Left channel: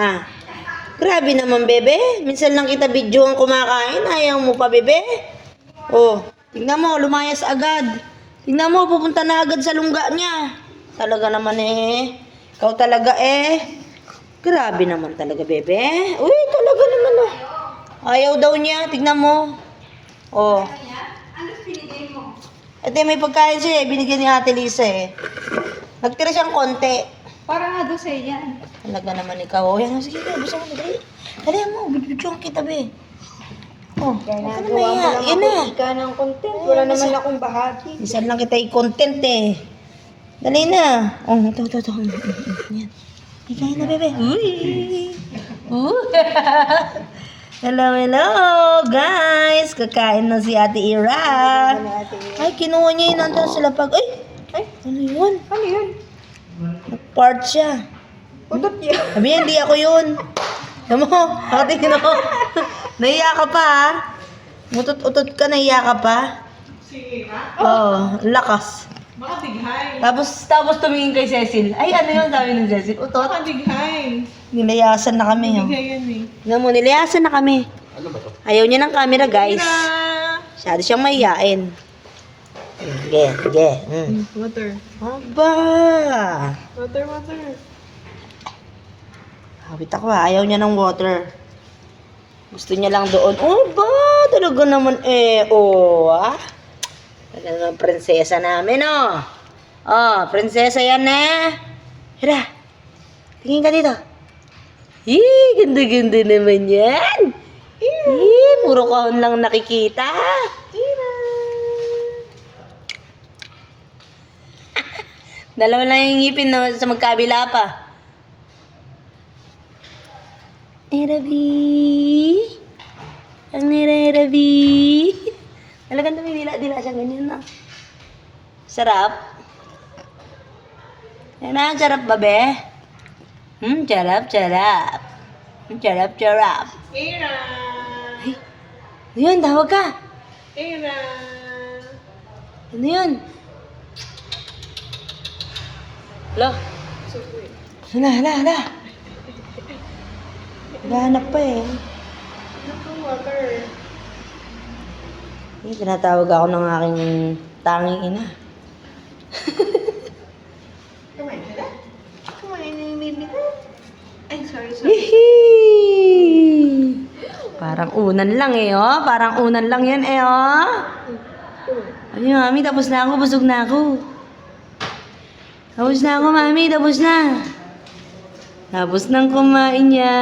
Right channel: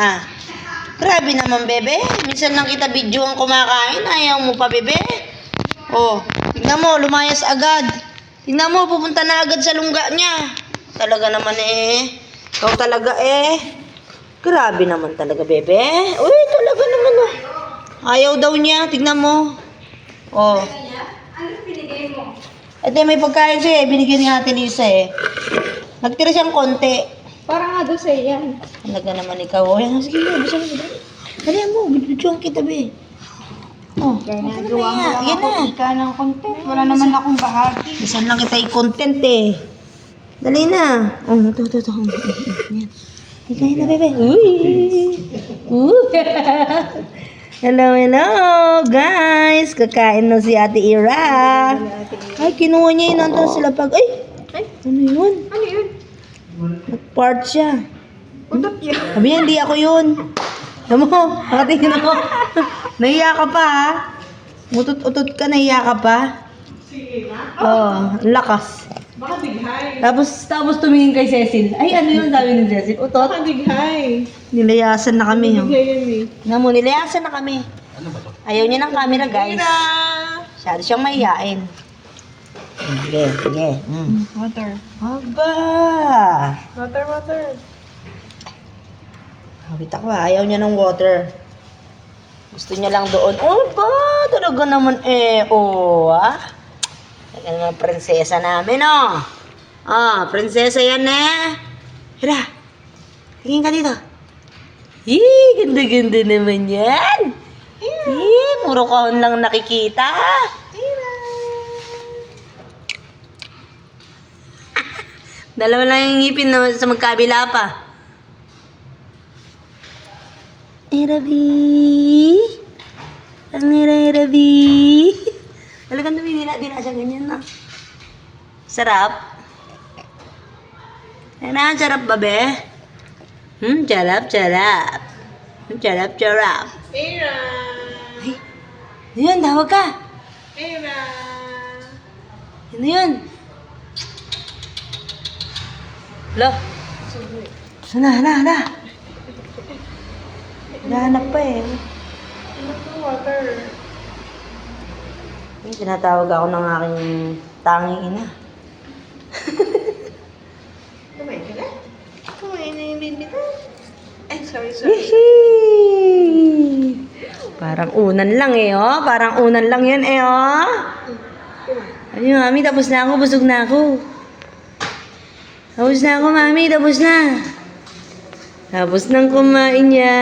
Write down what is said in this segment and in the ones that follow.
Ah. Grabe naman, bebe. Minsan lang kita video ang kumakain. Ayaw mo pa, bebe. Oh, tignan mo, lumayas agad. Tignan mo, pupunta na agad sa lungga niya. Talaga naman eh. Ikaw talaga eh. Grabe naman talaga, bebe. Uy, talaga naman oh. Ayaw daw niya. Tignan mo. Oh. Ano pinigay mo? Ate, may pagkain siya eh. Binigyan ni Ate Lisa eh. Nagtira siyang konti. Parang nga daw sa'yo yan. Talaga naman ikaw. O, yan. Sige, basta mo. Dali mo. Bidyoan kita, be. Oh. Nagawa mo Yan lang yan ako na. ika ng content. Wala naman akong bahagi. Bisan lang kita i-content eh. Dali na. Oh, ito. Yan. Ikain na, bebe. Uy. Hello, guys. Kakain na si Ate Ira. Ay, kinuha niya yun. Nandun sila pag... Ay, ano yun? Ano yun? Part siya. Udot yun. Sabi niya, hindi ako yun. Alam mo, nakatingin ako. Nahiya ka pa, ha? Mutot-utot ka, nahiya ka pa. Sige na. Oo, lakas. Baka dighay. Tapos tumingin kay Cecil. Ay, ano yun sabi ng Cecil? Utot. Baka dighay. Nilayasan na kami. Oh. Dighay yan eh. Alam mo, nilayasan na kami. Ano ba to? Ayaw niya ng camera, guys. Tara! Masyado siyang mahihain. Sige. Water. Aba. Water. Habit ako, ha? Ayaw niya ng water. Gusto niya lang doon. Oh, ba? Talaga naman eh. Oh, ah. Talaga naman prinsesa namin, oh. Oh, prinsesa yan eh. Hira. Tingin ka dito. Ganda-ganda naman yan. Puro kahon lang nakikita. Dalawa lang yung ngipin na sa magkabila pa. Rabi. Ang Rabi. Talagang dila siya ganyan na. Sarap. Yan sarap ba, be? Sarap. Sarap. Ira! Yun, tawag ka. Ira! Ano yun? Hala. Subway. Hala. Nahanap pa eh. Water. Tinatawag ako ng aking tanging ina. Kumain ka na? Kumain na yung baby ko. Ay, sorry. Hihi! Parang unan lang eh, oh. Parang unan lang yan eh, oh. Ay, mami, tapos na ako. Busog na ako. Tapos na ako, mami. Tapos na. Tapos nang kumain niya.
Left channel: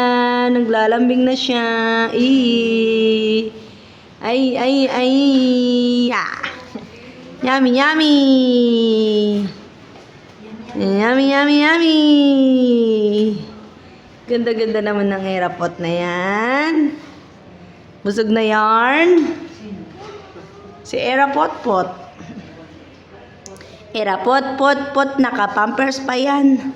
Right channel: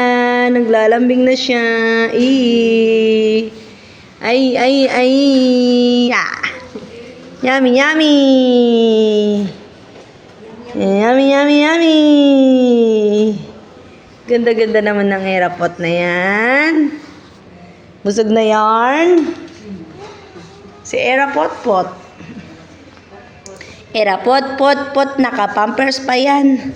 Naglalambing na siya. Ay. Ah. Yummy. Yummy. Ganda-ganda naman ng airpot na yan. Busog na yarn. Si Airpot. Airpot, naka-pampers pa yan.